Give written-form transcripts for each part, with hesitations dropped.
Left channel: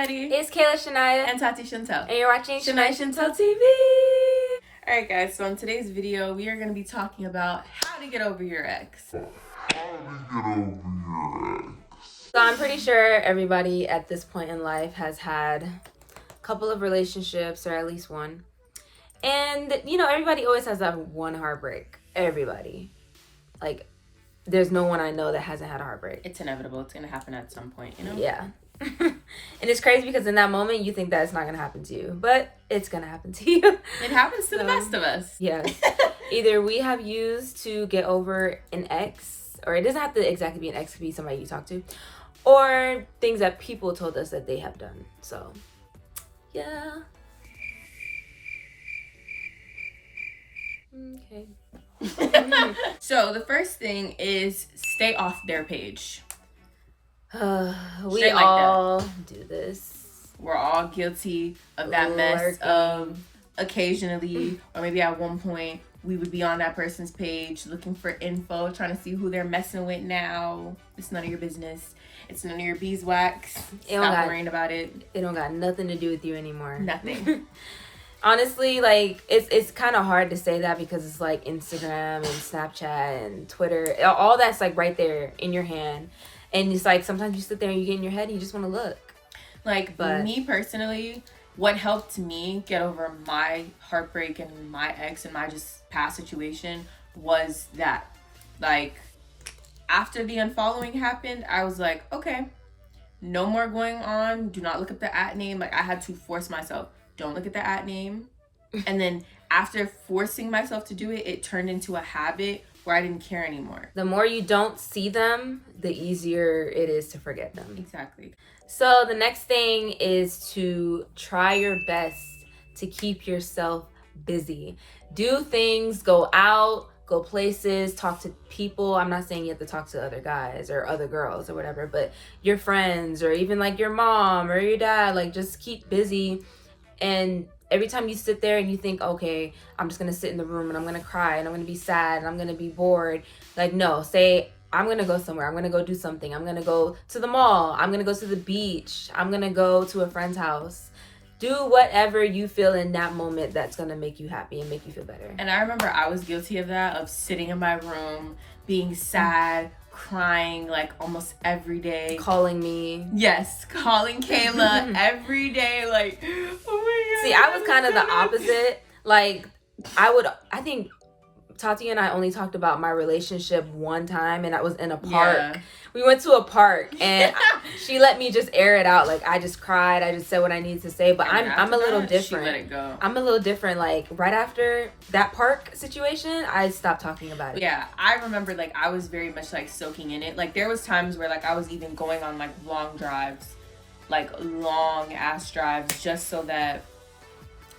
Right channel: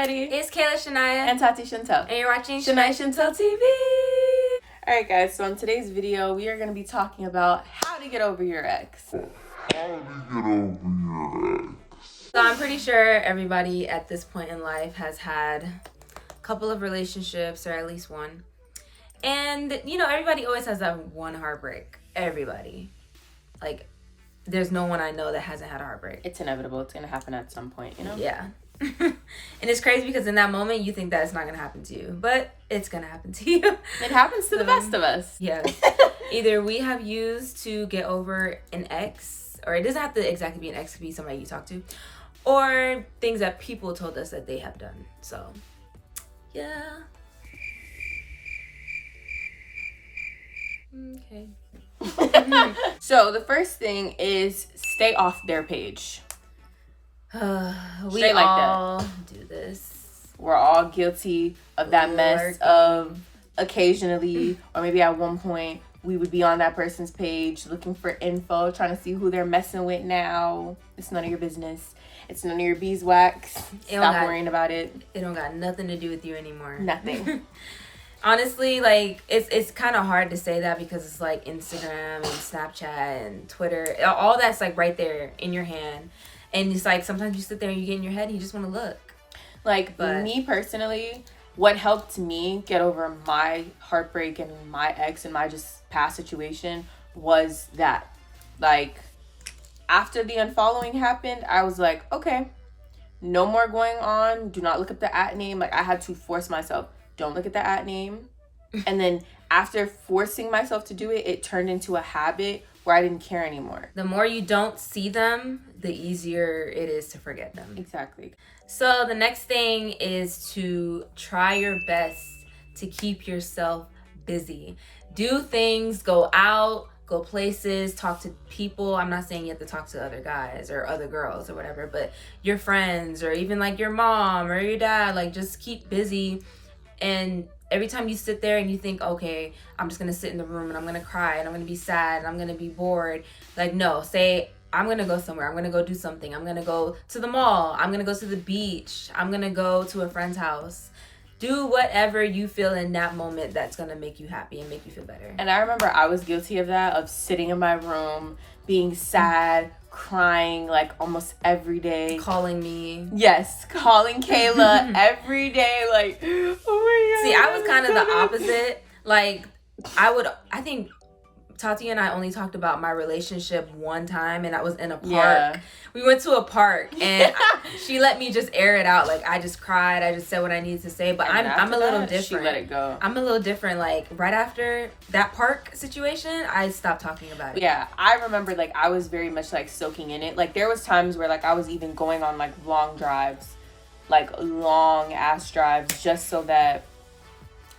everybody. It's Kayla Shania. And Tati Chantel. And you're watching Shania Chantel TV. Alright guys, so in today's video, we are going to be talking about how to get over your ex. So I'm pretty sure everybody at this point in life has had a couple of relationships, or at least one. And, you know, everybody always has that one heartbreak. Everybody. Like, there's no one I know that hasn't had a heartbreak. It's inevitable. It's going to happen at some point, you know? Yeah. And it's crazy because in that moment you think that it's not going to happen to you, but it's going to happen to you. It happens to the best of us. Yes. Either we have used to get over an ex, or it doesn't have to exactly be an ex, it could be somebody you talk to, or things that people told us that they have done. So, yeah. Okay. So the first thing is stay off their page. We Straight like all do this. We're all guilty of that mess of occasionally, or maybe at one point, we would be on that person's page looking for info, trying to see who they're messing with now. It's none of your business. It's none of your beeswax. Stop worrying about it. It don't got nothing to do with you anymore. Nothing. Honestly, like, it's kind of hard to say that because it's like Instagram and Snapchat and Twitter. All that's like right there in your hand. And it's like sometimes you sit there and you get in your head and you just want to look. Like, me personally, what helped me get over my heartbreak and my ex and my just past situation was that, like, after the unfollowing happened, I was like, okay, no more going on. Do not look at the @ name. Like, I had to force myself. Don't look at the @ name. And then after forcing myself to do it, it turned into a habit where I didn't care anymore. The more you don't see them, the easier it is to forget them. Exactly. So the next thing is to try your best to keep yourself busy. Do things, go out, go places, talk to people. I'm not saying you have to talk to other guys or other girls or whatever, but your friends or even like your mom or your dad, like just keep busy. And every time you sit there and you think, okay, I'm just going to sit in the room and I'm going to cry and I'm going to be sad and I'm going to be bored. Like, no, say, I'm going to go somewhere. I'm going to go do something. I'm going to go to the mall. I'm going to go to the beach. I'm going to go to a friend's house. Do whatever you feel in that moment that's going to make you happy and make you feel better. And I remember I was guilty of that, of sitting in my room, being sad, crying like almost every day. Calling me. Yes, calling Kayla every day. Like, oh my God. See, I was kind of the opposite. Like, I think Tati and I only talked about my relationship one time, and I was in a park. Yeah. We went to a park, and she let me just air it out. Like, I just cried. I just said what I needed to say. But I'm a little different. She let it go. I'm a little different. Like, right after that park situation, I stopped talking about it. Yeah, I remember, like, I was very much, like, soaking in it. Like, there was times where, like, I was even going on, like, long drives. Like, long-ass drives, just so that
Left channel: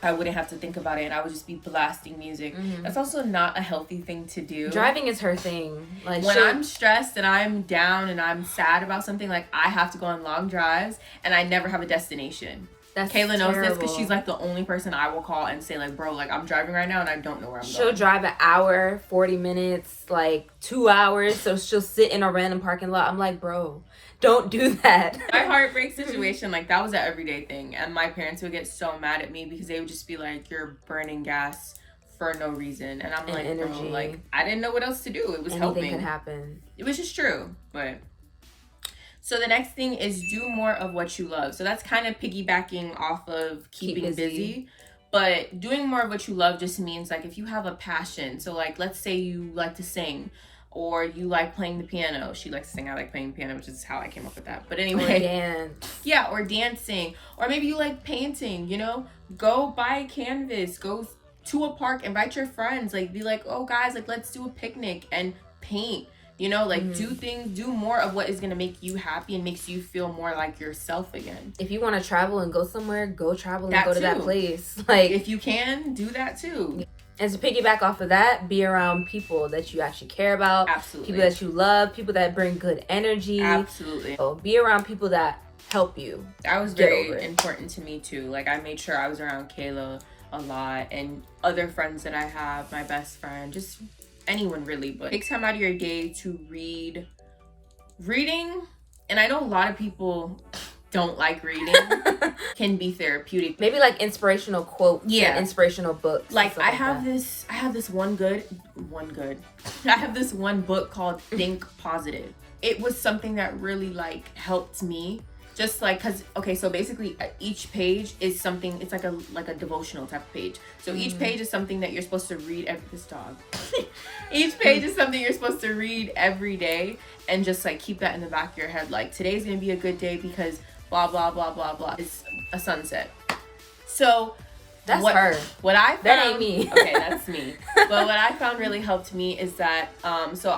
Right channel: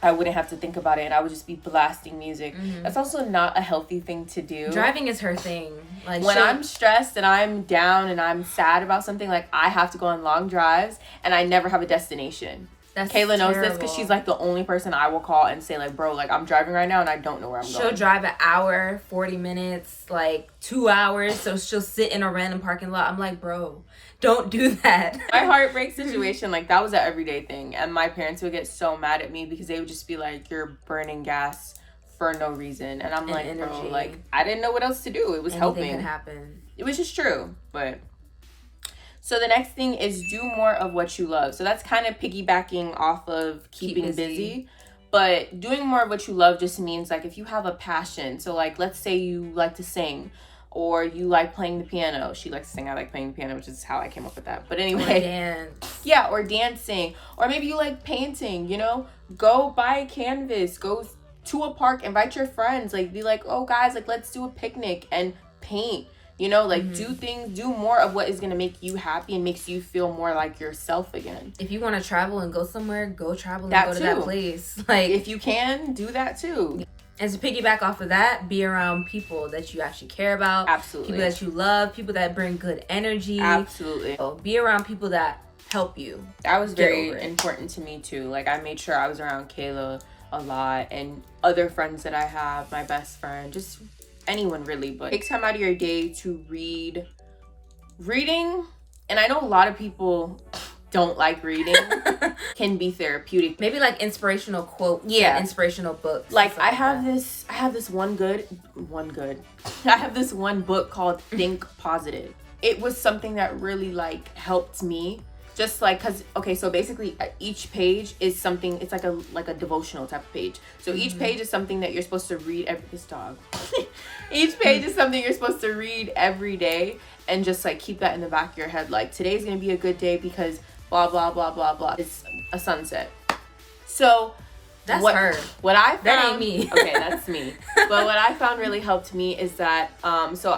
I wouldn't have to think about it, and I would just be blasting music. Mm-hmm. That's also not a healthy thing to do. Driving is her thing. Like, when I'm stressed and I'm down and I'm sad about something, like, I have to go on long drives, and I never have a destination. That's Kayla terrible. knows this because she's like the only person I will call and say, like, bro, like, I'm driving right now and I don't know where I'm going. She'll drive an hour, 40 minutes, like 2 hours. So she'll sit in a random parking lot. I'm like, bro, don't do that. My heartbreak situation, like, that was an everyday thing. And my parents would get so mad at me because they would just be like, you're burning gas for no reason. And I'm like, energy. Bro, like, I didn't know what else to do. It was helping. Anything could happen. Which is true, but... So the next thing is do more of what you love. So that's kind of piggybacking off of keeping busy. But doing more of what you love just means, like, if you have a passion. So, like, let's say you like to sing, or you like playing the piano. She likes to sing. I like playing the piano, which is how I came up with that. But anyway. Or dance. Yeah, or dancing. Or maybe you like painting, you know? Go buy a canvas. Go to a park. Invite your friends. Like, be like, oh, guys, like, let's do a picnic and paint. You know, like, do more of what is going to make you happy and makes you feel more like yourself again. If you want to travel and go somewhere, go travel and go to that place. Like, if you can, do that too. And to piggyback off of that, be around people that you actually care about. Absolutely. People that you love, people that bring good energy. Absolutely. So be around people that help you. That was very important to me too. Like, I made sure I was around Kayla a lot and other friends that I have, my best friend, just anyone really. But take time out of your day to read. Reading, and I know a lot of people don't like reading can be therapeutic. Maybe like inspirational quotes, yeah, and inspirational books. Like I have this one book called Think Positive. It was something that really like helped me. Just like, cause okay, so basically each page is something. It's like a devotional type of page. So each page is something that you're supposed to read each page is something you're supposed to read every day, and just like keep that in the back of your head. Like, today's gonna be a good day because blah blah blah blah blah. It's a sunset. So that's what I found, that ain't me. Okay, that's me. But what I found really helped me is that so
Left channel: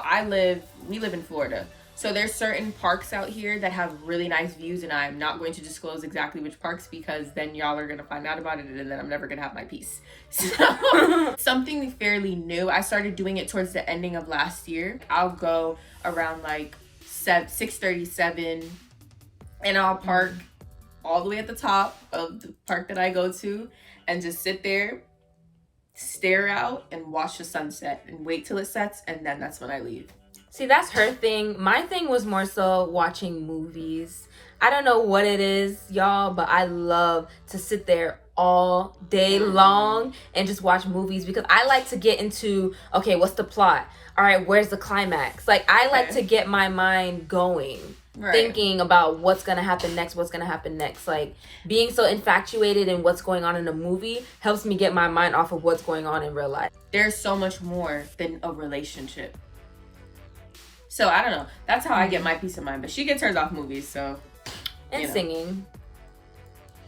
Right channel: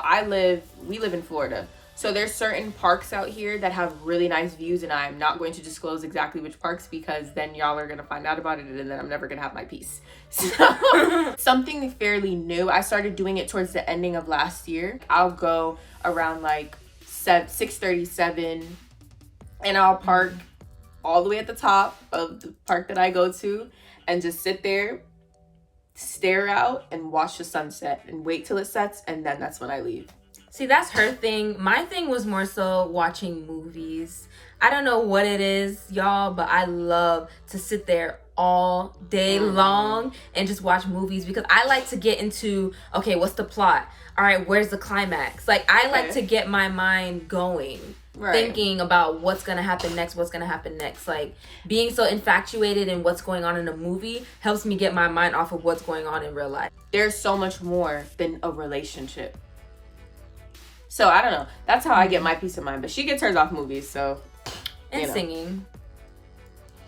we live in Florida. So there's certain parks out here that have really nice views, and I'm not going to disclose exactly which parks because then y'all are going to find out about it, and then I'm never going to have my peace. So something fairly new. I started doing it towards the ending of last year. I'll go around like 6:37, and I'll park all the way at the top of the park that I go to and just sit there, stare out, and watch the sunset and wait till it sets, and then that's when I leave. See, that's her thing. My thing was more so watching movies. I don't know what it is, y'all, but I love to sit there all day long and just watch movies because I like to get into, okay, what's the plot? All right, where's the climax? Like, I like to get my mind going, thinking about what's going to happen next, Like, being so infatuated in what's going on in a movie helps me get my mind off of what's going on in real life. There's so much more than a relationship. So I don't know. That's how I get my peace of mind. But she gets hers off movies, so. And singing.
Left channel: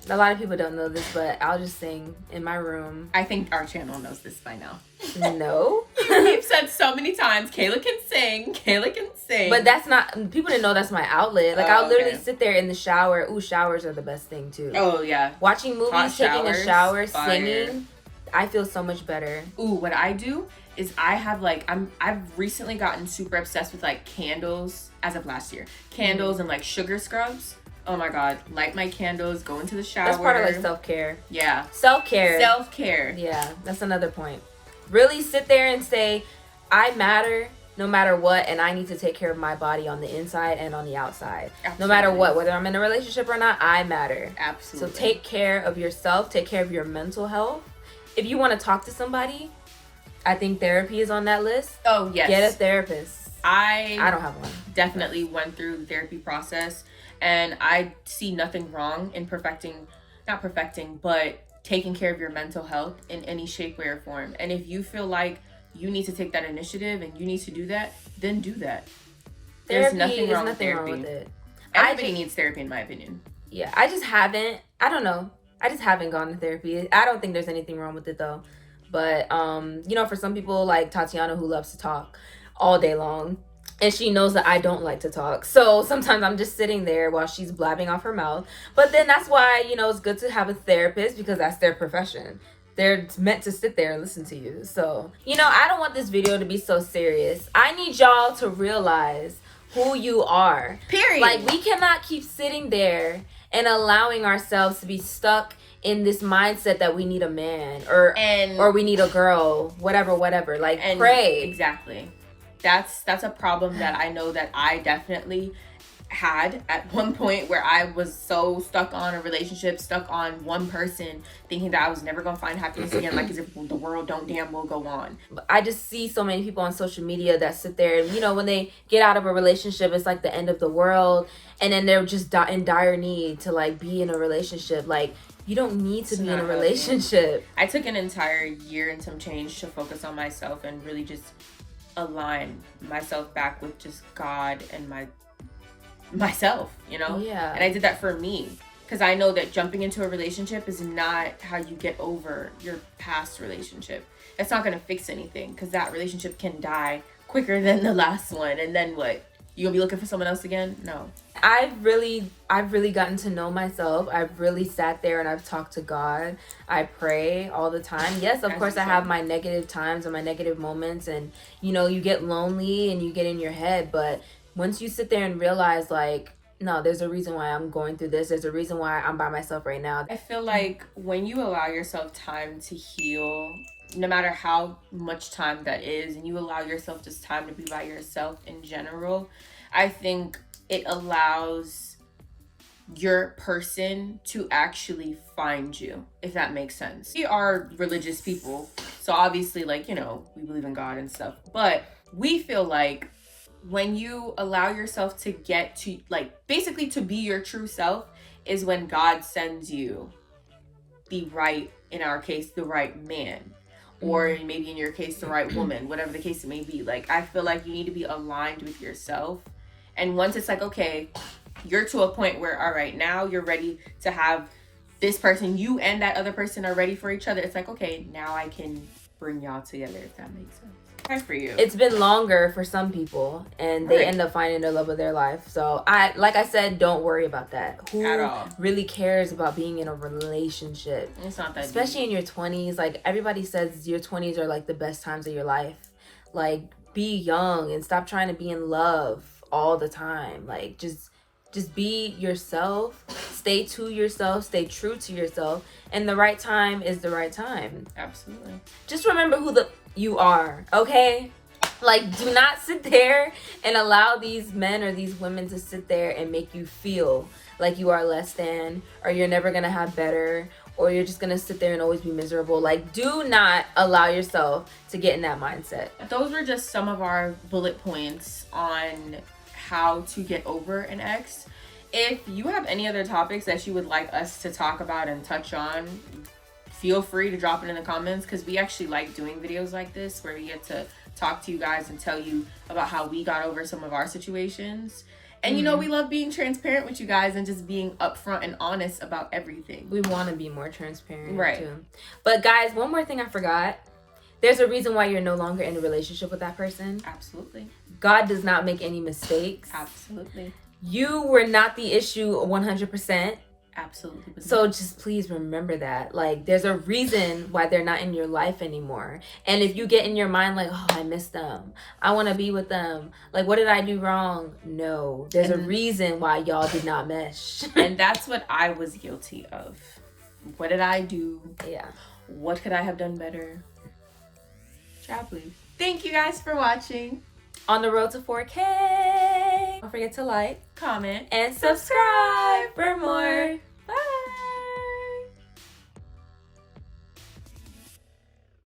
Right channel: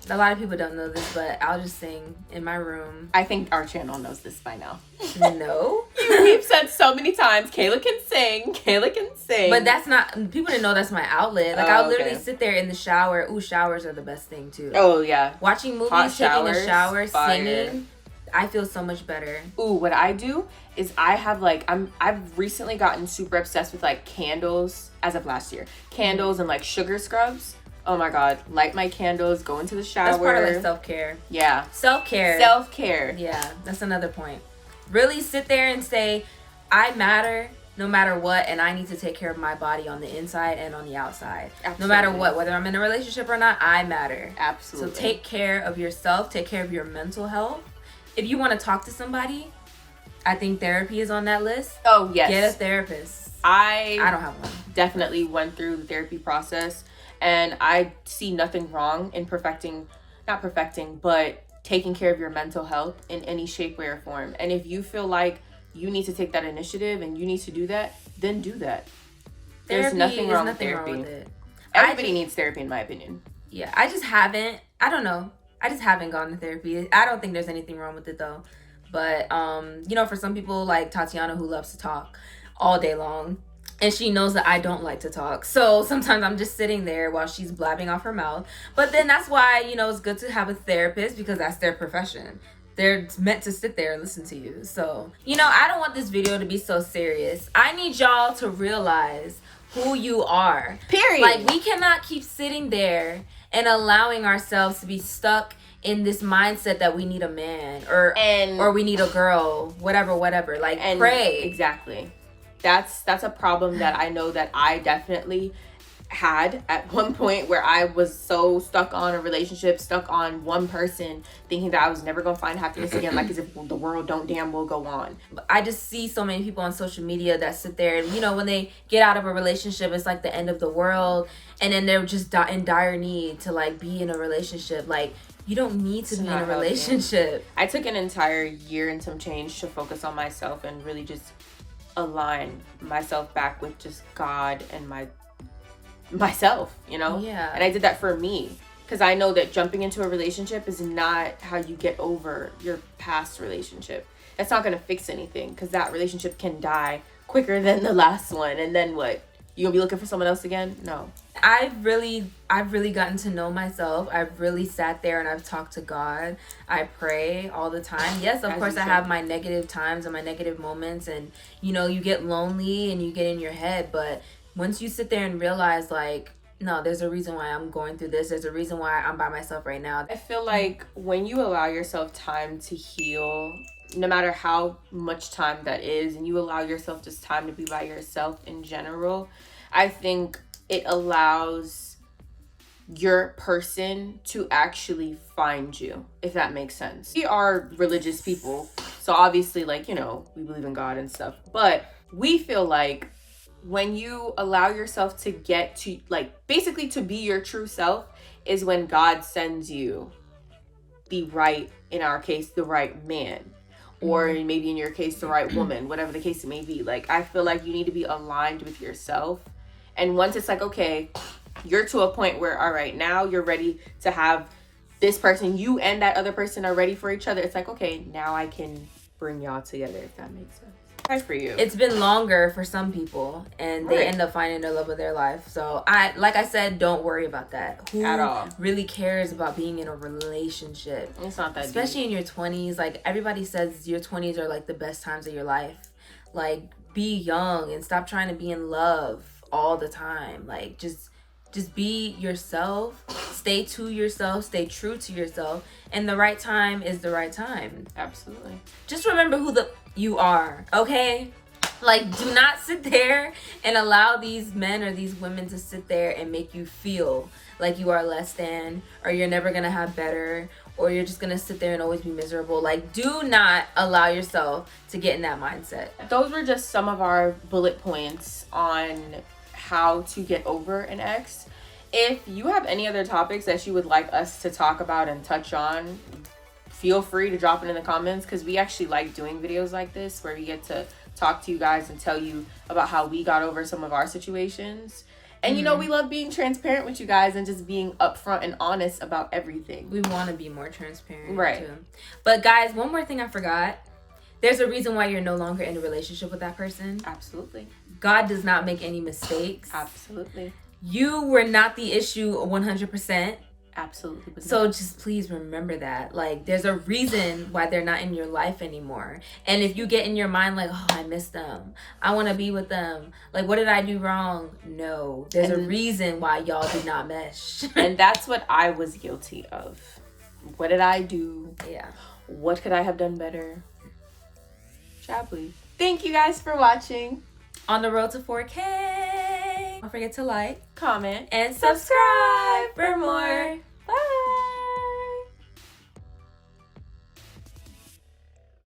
A lot of people don't know this, but I'll just sing in my room. I think our channel knows this by now. No. We've said so many times, Kayla can sing. But that's not, people didn't know that's my outlet. Like, I'll literally sit there in the shower. Ooh, showers are the best thing, too. Oh, yeah. Watching movies, taking a shower, singing. I feel so much better. Ooh, what I do is I have like I've recently gotten super obsessed with like candles as of last year. Candles and like sugar scrubs. Oh my god, light my candles, go into the shower. That's part of like self-care. Yeah. Self-care. Yeah, that's another point. Really sit there and say, I matter no matter what, and I need to take care of my body on the inside and on the outside. Absolutely. No matter what, whether I'm in a relationship or not, I matter. Absolutely. So take care of yourself, take care of your mental health. If you want to talk to somebody, I think therapy is on that list. Oh, yes. Get a therapist. I don't have one. Definitely went through the therapy process, and I see nothing wrong in but taking care of your mental health in any shape, way, or form. And if you feel like you need to take that initiative and you need to do that, then do that. There's nothing wrong with therapy. Everybody needs therapy, in my opinion. Yeah, I just haven't gone to therapy. I don't think there's anything wrong with it, though. But, for some people like Tatiana, who loves to talk all day long, and she knows that I don't like to talk. So sometimes I'm just sitting there while she's blabbing off her mouth. But then that's why, it's good to have a therapist, because that's their profession. They're meant to sit there and listen to you. So, I don't want this video to be so serious. I need y'all to realize who you are. Period. Like, we cannot keep sitting there and allowing ourselves to be stuck in this mindset that we need a man or we need a girl, whatever. Like, pray. Exactly. That's a problem that I know that I definitely had at one point, where I was so stuck on a relationship, stuck on one person, thinking that I was never going to find happiness again, like as if the world don't damn well go on. I just see so many people on social media that sit there and, when they get out of a relationship, it's like the end of the world. And then they're just in dire need to like be in a relationship. Like, you don't need to be in a relationship. I took an entire year and some change to focus on myself and really just align myself back with just God and myself, Yeah. And I did that for me, because I know that jumping into a relationship is not how you get over your past relationship. That's not going to fix anything, because that relationship can die quicker than the last one. And then what? You gonna be looking for someone else again? No. I've really gotten to know myself. I've really sat there and I've talked to God. I pray all the time. Yes, of course, I have my negative times and my negative moments, and you get lonely and you get in your head. But once you sit there and realize, like, no, there's a reason why I'm going through this. There's a reason why I'm by myself right now. I feel like when you allow yourself time to heal, no matter how much time that is, and you allow yourself just time to be by yourself in general, I think it allows your person to actually find you, if that makes sense. We are religious people, so obviously, like, you know, we believe in God and stuff, but we feel like when you allow yourself to get to, like, basically to be your true self is when God sends you the right, in our case, the right man, or maybe in your case, the right woman, whatever the case it may be. Like, I feel like you need to be aligned with yourself. And once it's like, okay, you're to a point where, all right, now you're ready to have this person, you and that other person are ready for each other. It's like, okay, now I can bring y'all together, if that makes sense. Good for you. It's been longer for some people, and they end up finding the love of their life. So like I said, don't worry about that. Who at all really cares about being in a relationship? It's not that especially deep. In your 20s. Like, everybody says your 20s are like the best times of your life. Like, be young and stop trying to be in love all the time. Like, just be yourself, stay to yourself, stay true to yourself, and the right time is the right time. Absolutely. Just remember who you are, okay? Like, do not sit there and allow these men or these women to sit there and make you feel like you are less than, or you're never gonna have better, or you're just gonna sit there and always be miserable. Like, do not allow yourself to get in that mindset. Those were just some of our bullet points on how to get over an ex. If you have any other topics that you would like us to talk about and touch on, feel free to drop it in the comments, because we actually like doing videos like this where we get to talk to you guys and tell you about how we got over some of our situations. And you know, we love being transparent with you guys and just being upfront and honest about everything. We want to be more transparent, right? Too. But guys, one more thing I forgot. There's a reason why you're no longer in a relationship with that person. Absolutely. God does not make any mistakes. Absolutely. You were not the issue 100%. Absolutely. So just please remember that. Like, there's a reason why they're not in your life anymore. And if you get in your mind like, oh, I miss them, I want to be with them, like, what did I do wrong? No, there's a reason why y'all did not mesh. And that's what I was guilty of. What did I do? Yeah. What could I have done better? Child, please. Thank you guys for watching. On the road to 4K. Don't forget to like, comment, and subscribe for more.